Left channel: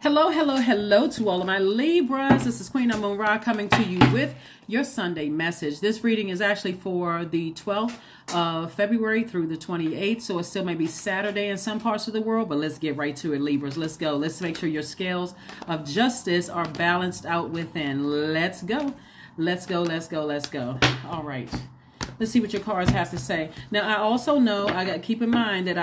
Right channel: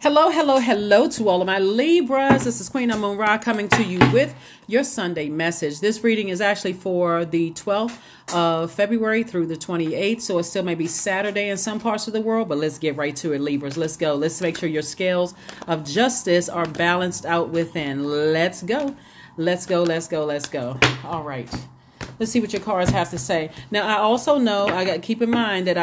Hello, hello, hello to all of my Libras. This is Queen Amun Ra coming to you with your Sunday message. This reading is actually for the 12th of February through the 28th. So it still may be Saturday in some parts of the world, but let's get right to it, Libras. Let's go. Let's make sure your scales of justice are balanced out within. Let's go. Let's go. Let's go. Let's go. All right. Let's see what your cards have to say. Now, I also know, I got to keep in mind that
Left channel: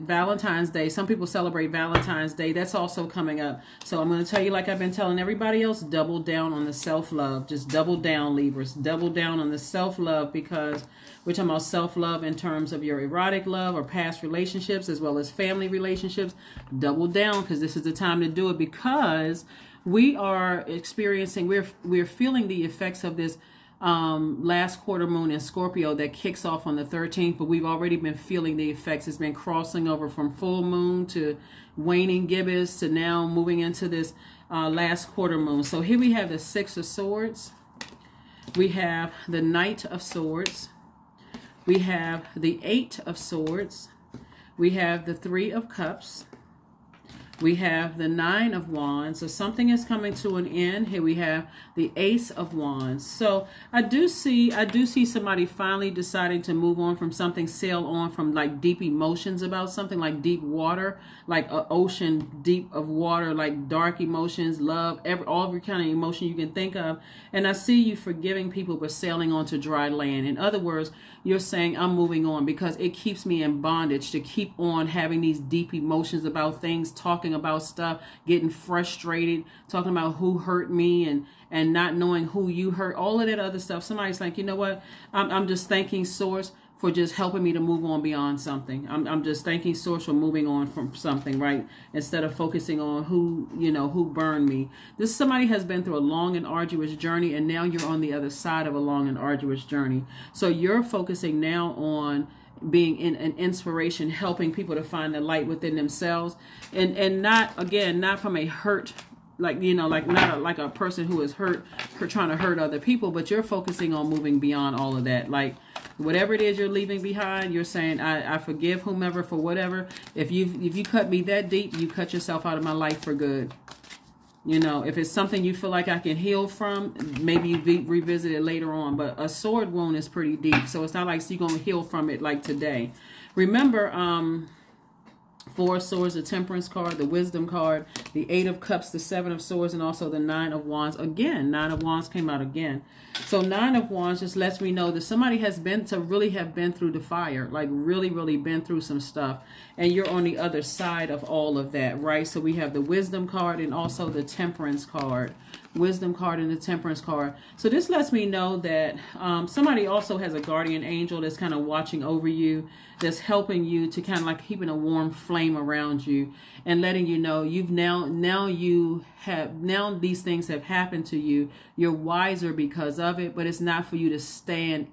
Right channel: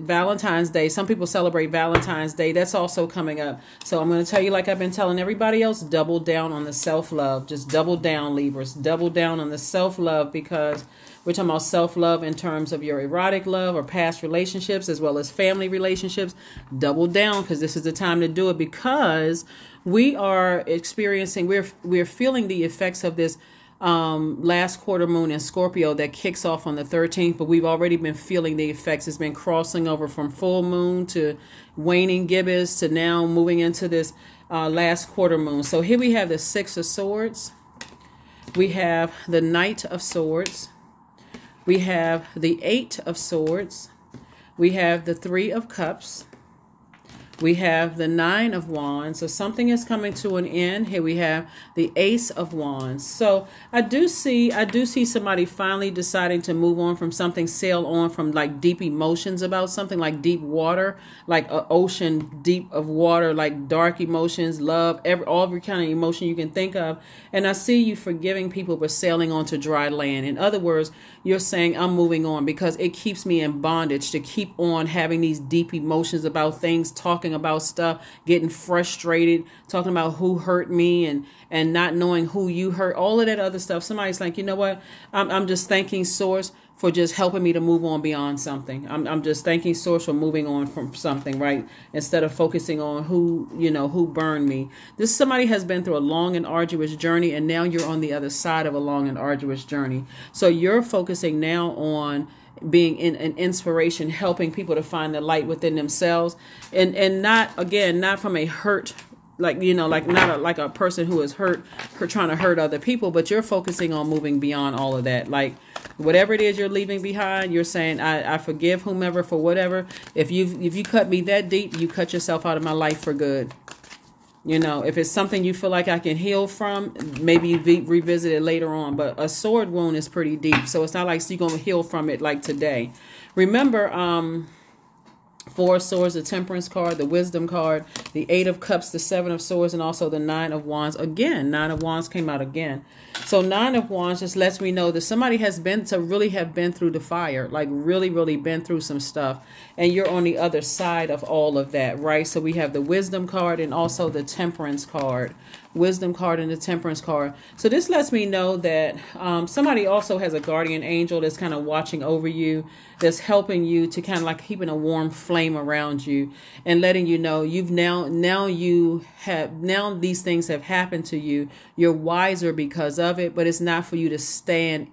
Valentine's Day. Some people celebrate Valentine's Day. That's also coming up. So I'm going to tell you, like I've been telling everybody else, double down on the self-love. Just double down, Libras. Double down on the self-love, because we're talking about self-love in terms of your erotic love or past relationships as well as family relationships. Double down, because this is the time to do it, because we are experiencing, we're feeling the effects of this last quarter moon in Scorpio that kicks off on the 13th, but we've already been feeling the effects. It's been crossing over from full moon to waning gibbous to now moving into this last quarter moon. So here we have the Six of Swords. We have the Knight of Swords. We have the Eight of Swords. We have the Three of Cups. We have the Nine of Wands. So something is coming to an end. Here we have the Ace of Wands. So I do see somebody finally deciding to move on from something, sail on from like deep emotions about something, like deep water, like an ocean deep of water, like dark emotions, love, every kind of emotion you can think of. And I see you forgiving people but sailing onto dry land. In other words, you're saying, I'm moving on because it keeps me in bondage to keep on having these deep emotions about things, talking about stuff, getting frustrated, talking about who hurt me and not knowing who you hurt, all of that other stuff. Somebody's like, you know what? I'm just thanking Source for just helping me to move on beyond something. I'm just thanking Source for moving on from something, right? Instead of focusing on who burned me. This somebody has been through a long and arduous journey, and now you're on the other side of a long and arduous journey. So you're focusing now on being an inspiration, helping people to find the light within themselves, and not from a hurt, like not a person who is hurt for trying to hurt other people, but you're focusing on moving beyond all of that. Like whatever it is you're leaving behind, you're saying, I forgive whomever for whatever. If you cut me that deep, you cut yourself out of my life for good. If it's something you feel like I can heal from, maybe you revisit it later on. But a sword wound is pretty deep, so it's not like you're going to heal from it like today. Remember, Four of Swords, the Temperance card, the Wisdom card, the Eight of Cups, the Seven of Swords, and also the Nine of Wands. Again, Nine of Wands came out again. So Nine of Wands just lets me know that somebody has been through the fire, like really been through some stuff. And you're on the other side of all of that, right? So we have the Wisdom card and also the Temperance card. Wisdom card and the Temperance card. So this lets me know that somebody also has a guardian angel that's kind of watching over you, that's helping you to kind of like keeping a warm flame around you and letting you know you've now these things have happened to you. You're wiser because of it, but it's not for you to stay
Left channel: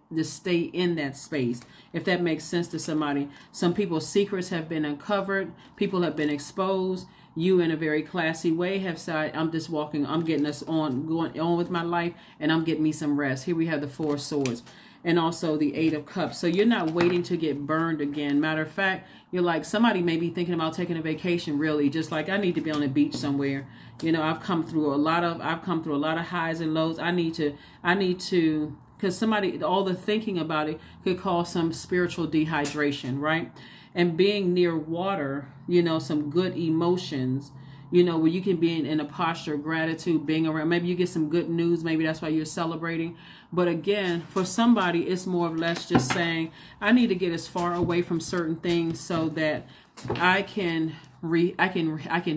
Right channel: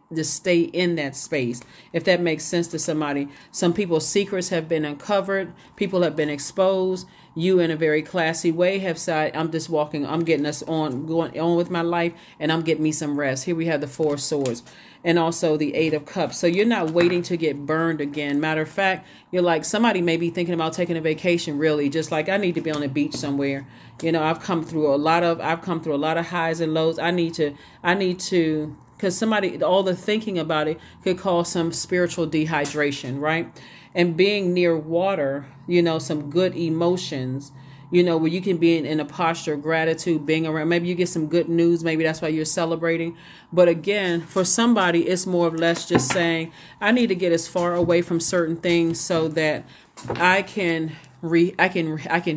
in that space. If that makes sense to somebody. Some people's secrets have been uncovered. People have been exposed. You, in a very classy way, have said, I'm just walking, I'm getting going on with my life, and I'm getting me some rest. Here we have the Four of Swords and also the Eight of Cups. So you're not waiting to get burned again. Matter of fact, you're like, somebody may be thinking about taking a vacation, really, just like, I need to be on the beach somewhere. I've come through a lot of highs and lows. I need to, because all the thinking about it could cause some spiritual dehydration, right? And being near water, some good emotions, where you can be in a posture of gratitude, being around, maybe you get some good news, maybe that's why you're celebrating. But again, for somebody, it's more or less just saying, I need to get as far away from certain things so that I can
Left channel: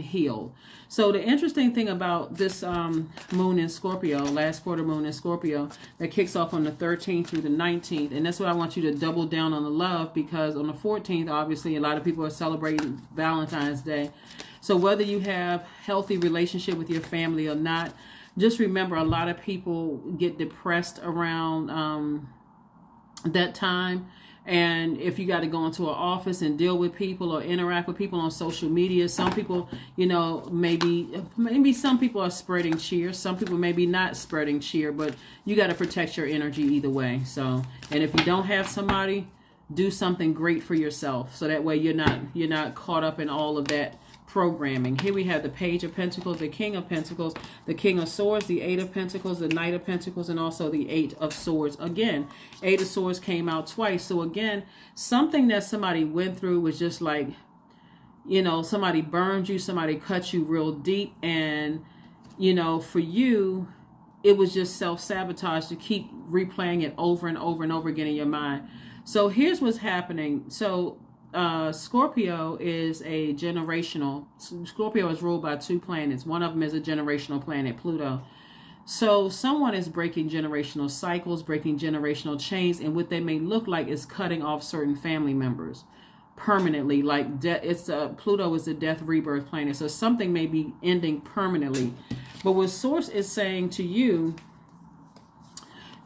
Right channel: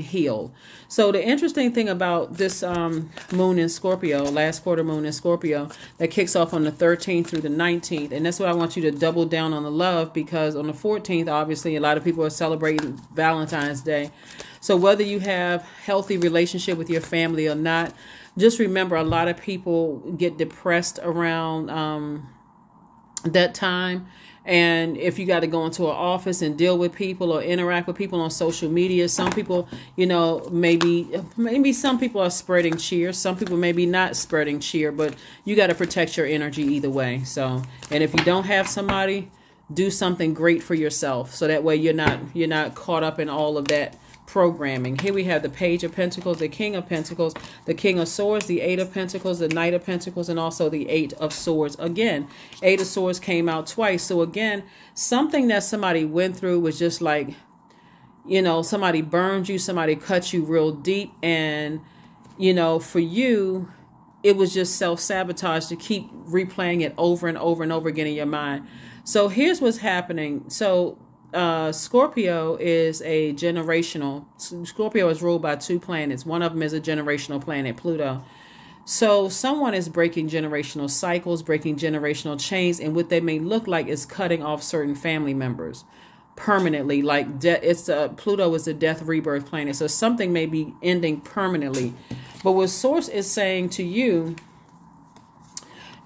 heal. So the interesting thing about this moon in Scorpio, last quarter moon in Scorpio, that kicks off on the 13th through the 19th. And that's what I want you to double down on the love, because on the 14th, obviously, a lot of people are celebrating Valentine's Day. So whether you have healthy relationship with your family or not, just remember a lot of people get depressed around that time. And if you got to go into an office and deal with people or interact with people on social media, some people, maybe some people are spreading cheer. Some people maybe not spreading cheer, but you got to protect your energy either way. So, and if you don't have somebody, do something great for yourself. So that way you're not caught up in all of that programming. Here we have the Page of Pentacles, the King of Pentacles, the King of Swords, the Eight of Pentacles, the Knight of Pentacles, and also the Eight of Swords. Again, Eight of Swords came out twice. So again, something that somebody went through was just like, you know, somebody burned you, somebody cut you real deep. And, you know, for you, it was just self-sabotage to keep replaying it over and over and over again in your mind. So here's what's happening. So Scorpio is a generational. Scorpio is ruled by two planets. One of them is a generational planet, Pluto. So someone is breaking generational cycles, breaking generational chains, and what they may look like is cutting off certain family members permanently. Like Pluto is a death rebirth planet, so something may be ending permanently. But what Source is saying to you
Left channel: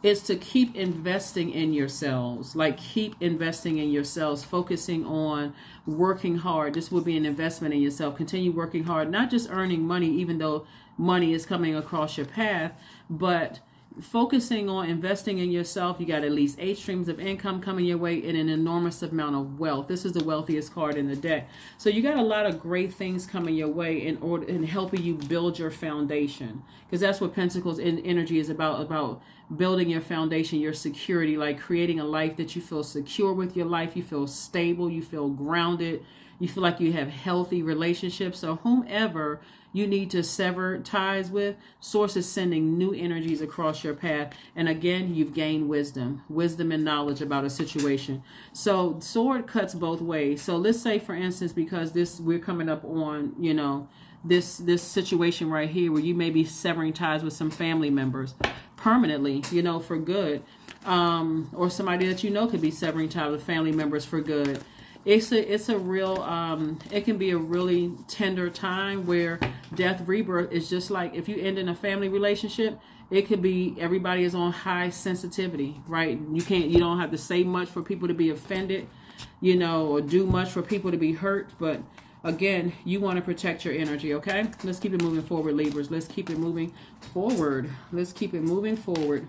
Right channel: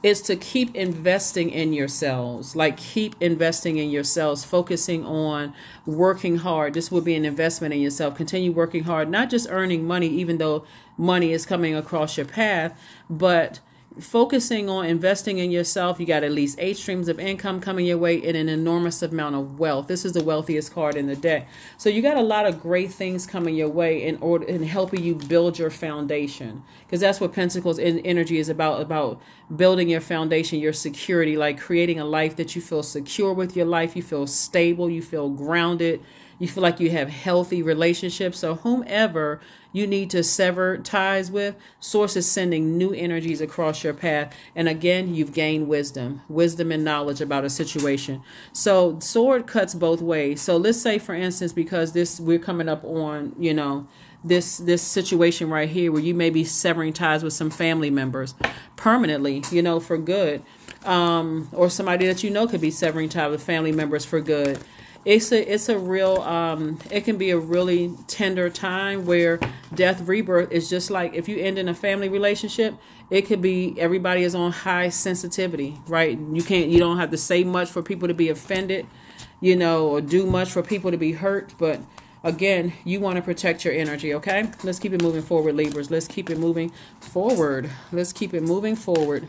is to keep investing in yourselves. Like, keep investing in yourselves, focusing on working hard. This will be an investment in yourself. Continue working hard, not just earning money, even though money is coming across your path, but focusing on investing in yourself. You got at least 8 streams of income coming your way and an enormous amount of wealth. This is the wealthiest card in the deck. So you got a lot of great things coming your way in helping you build your foundation, because that's what Pentacles energy is about building your foundation, your security, like creating a life that you feel secure with your life. You feel stable, you feel grounded, you feel like you have healthy relationships. So whomever you need to sever ties with, Source is sending new energies across your path. And again, you've gained wisdom and knowledge about a situation. So sword cuts both ways. So let's say, for instance, because we're coming up on, you know, this situation right here where you may be severing ties with some family members permanently, you know, for good. Or somebody that you know could be severing ties with family members for good. It's a real, it can be a really tender time where death rebirth is just like, if you end in a family relationship, it could be everybody is on high sensitivity, right? You don't have to say much for people to be offended, you know, or do much for people to be hurt. But again, you want to protect your energy, okay? Let's keep it moving forward, Libras. Let's keep it moving forward. Let's keep it moving forward.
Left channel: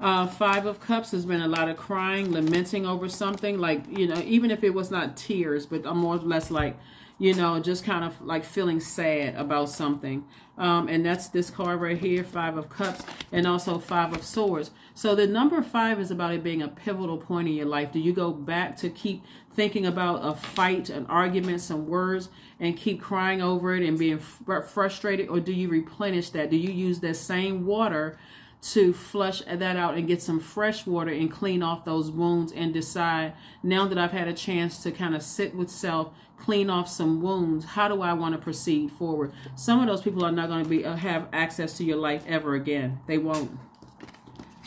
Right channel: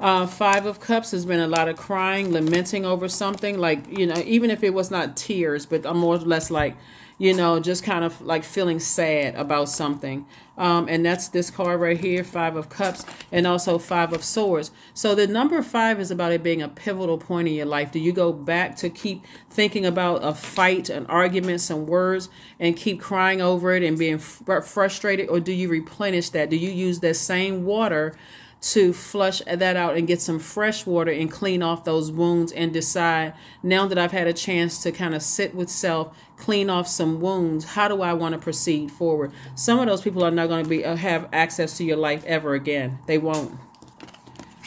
5 of Cups has been a lot of crying, lamenting over something, like, you know, even if it was not tears, but more or less like, you know, just kind of like feeling sad about something. And that's this card right here, 5 of Cups, and also 5 of Swords. So the number 5 is about it being a pivotal point in your life. Do you go back to keep thinking about a fight, an argument, some words, and keep crying over it and being frustrated? Or do you replenish that? Do you use that same water to flush that out and get some fresh water and clean off those wounds and decide, now that I've had a chance to kind of sit with self, clean off some wounds, how do I want to proceed forward? Some of those people are not going to have access to your life ever again. They won't.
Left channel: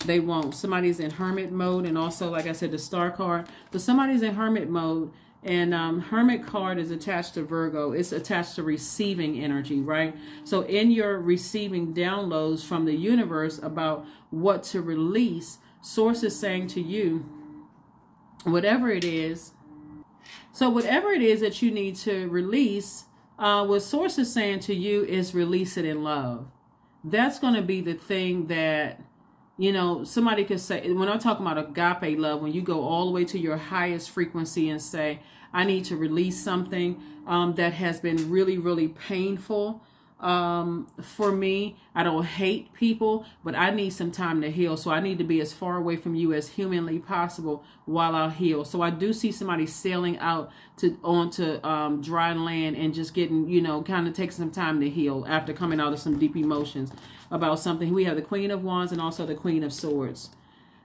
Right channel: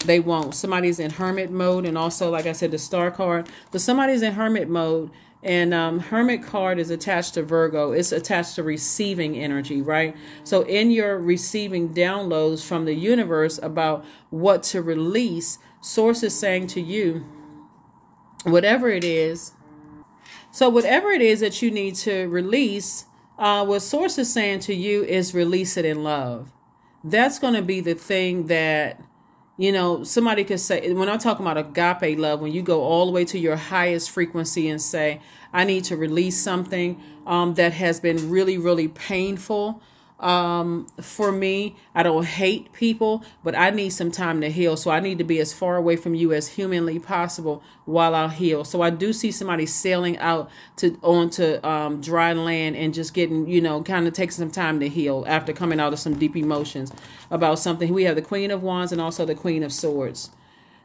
They won't. Somebody's in hermit mode, and also, like I said, the star card. So somebody's in hermit mode, and hermit card is attached to Virgo. It's attached to receiving energy, right? So in your receiving downloads from the universe about what to release, Source is saying to you, whatever it is. So whatever it is that you need to release, what Source is saying to you is release it in love. That's going to be the thing that, you know, somebody could say, when I'm talking about agape love, when you go all the way to your highest frequency and say, I need to release something that has been really, really painful for me. I don't hate people, but I need some time to heal. So I need to be as far away from you as humanly possible while I heal. So I do see somebody sailing out onto dry land and just getting, you know, kind of taking some time to heal after coming out of some deep emotions about something. We have the Queen of Wands and also the Queen of Swords.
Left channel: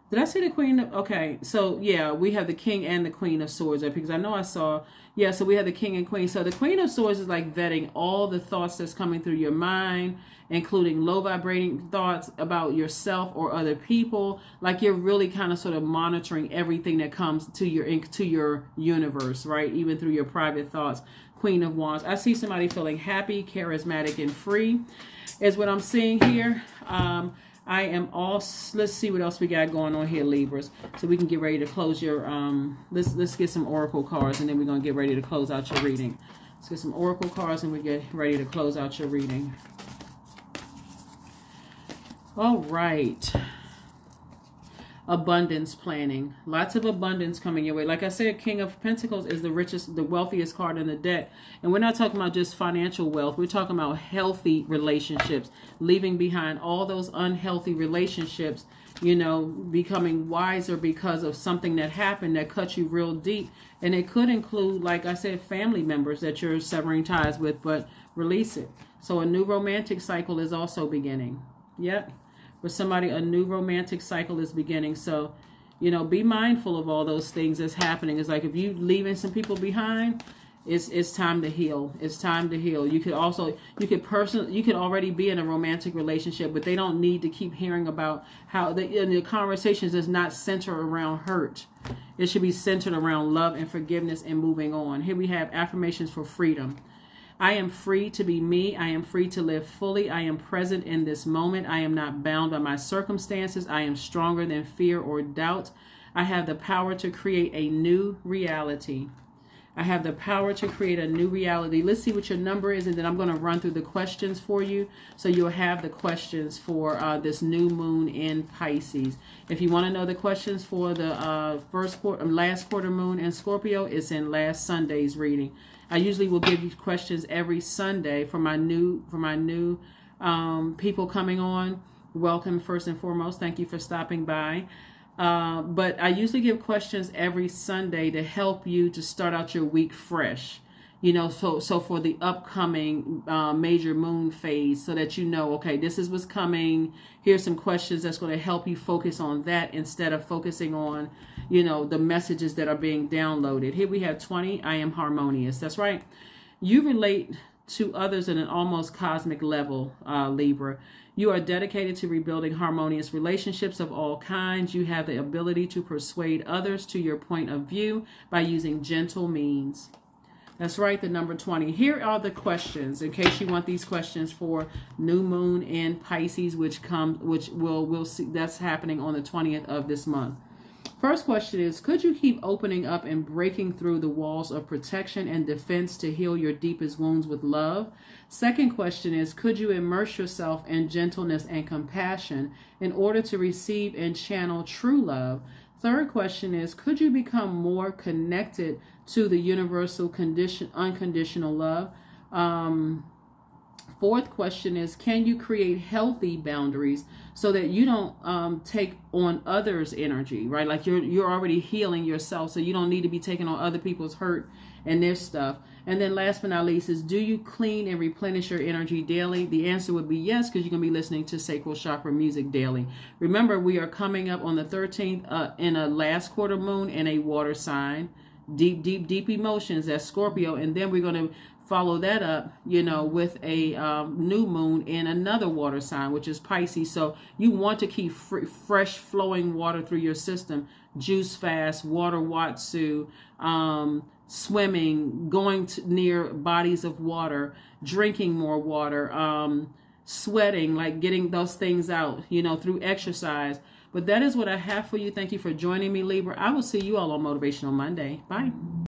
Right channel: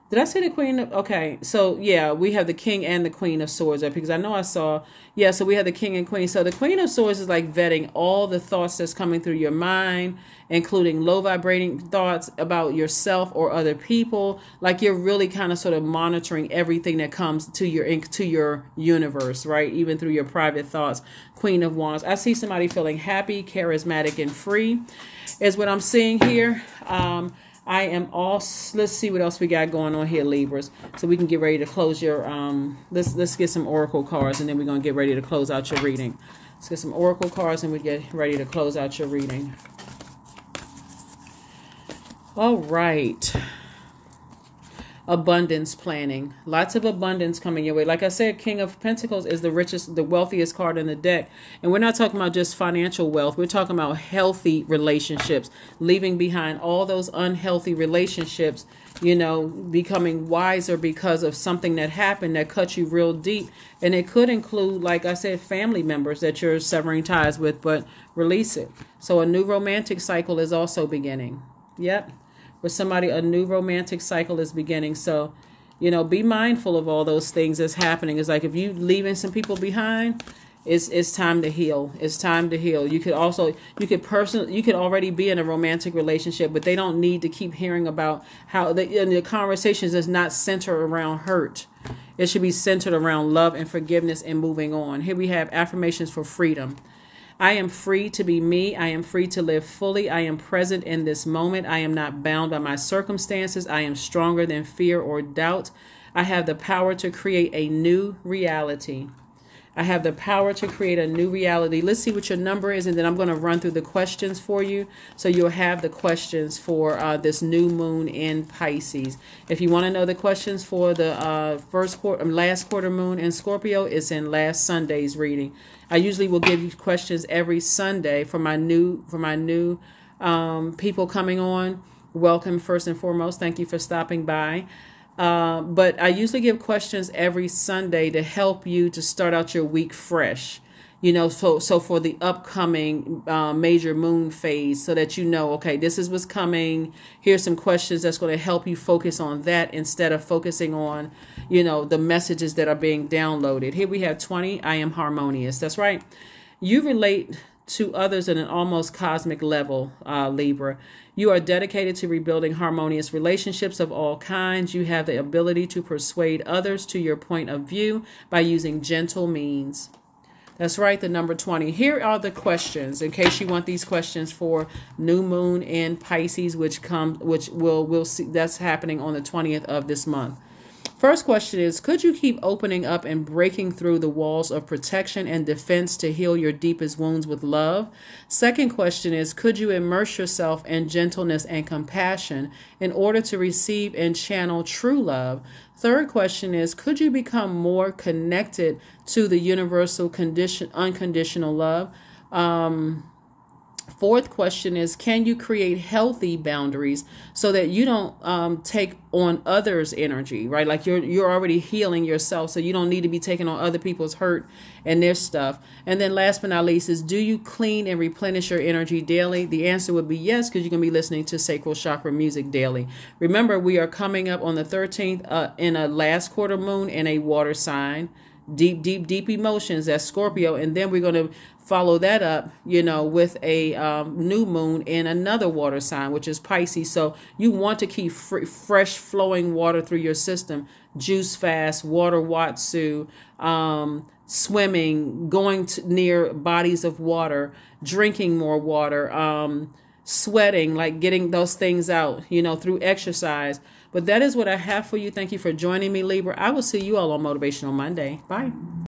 Did I say the Queen of, okay, so yeah, we have the King and the Queen of Swords up, because I know I saw, yeah, so we have the King and Queen. So the Queen of Swords is like vetting all the thoughts that's coming through your mind, including low vibrating thoughts about yourself or other people. Like, you're really kind of sort of monitoring everything that comes to your universe, right? Even through your private thoughts. Queen of Wands. I see somebody feeling happy, charismatic, and free is what I'm seeing here. I am all, let's see what else we got going on here, Libras, so we can get ready to close your, let's get some oracle cards, and then we're going to get ready to close out your reading. Let's get some oracle cards, and we get ready to close out your reading. All right. abundance planning. Lots of abundance coming your way. Like I said, King of Pentacles is the richest, the wealthiest card in the deck. And we're not talking about just financial wealth. We're talking about healthy relationships, leaving behind all those unhealthy relationships, you know, becoming wiser because of something that happened that cut you real deep. And it could include, like I said, family members that you're severing ties with, but release it. So a new romantic cycle is also beginning. Yep. For somebody, a new romantic cycle is beginning. So, you know, be mindful of all those things that's happening. It's like if you leaving some people behind, it's time to heal. It's time to heal. You could already be in a romantic relationship, but they don't need to keep hearing about how the conversations is not centered around hurt. It should be centered around love and forgiveness and moving on. Here we have affirmations for freedom. I am free to be me. I am free to live fully. I am present in this moment. I am not bound by my circumstances. I am stronger than fear or doubt. I have the power to create a new reality. I have the power to create a new reality. Let's see what your number is, and then I'm going to run through the questions for you. So you'll have the questions for this new moon in Pisces. If you want to know the questions for the last quarter moon in Scorpio, it's in last Sunday's reading. I usually will give you questions every Sunday for my new people coming on. Welcome, first and foremost. Thank you for stopping by. But I usually give questions every Sunday to help you to start out your week fresh. You know, so for the upcoming major moon phase, so that you know, okay, this is what's coming. Here's some questions that's going to help you focus on that instead of focusing on, you know, the messages that are being downloaded. Here we have 20. I am harmonious. That's right. You relate to others at an almost cosmic level, Libra. You are dedicated to rebuilding harmonious relationships of all kinds. You have the ability to persuade others to your point of view by using gentle means. That's right, the number 20. Here are the questions, in case you want these questions for new moon in Pisces, which we'll see that's happening on the 20th of this month. First question is, could you keep opening up and breaking through the walls of protection and defense to heal your deepest wounds with love? Second question is, could you immerse yourself in gentleness and compassion in order to receive and channel true love? Third question is, could you become more connected to the universal unconditional love? Fourth question is, can you create healthy boundaries so that you don't take on others' energy, right? Like you're already healing yourself, so you don't need to be taking on other people's hurt and their stuff. And then last but not least is, do you clean and replenish your energy daily? The answer would be yes, because you're going to be listening to sacral chakra music daily. Remember, we are coming up on the 13th in a last quarter moon in a water sign. Deep emotions, that's Scorpio. And then we're going to follow that up, you know, with a new moon in another water sign, which is Pisces. So you want to keep fresh flowing water through your system. Juice fast, water watsu, swimming, going near bodies of water, drinking more water, sweating, like getting those things out, you know, through exercise. But that is what I have for you. Thank you for joining me, Libra. I will see you all on Motivational Monday. Bye.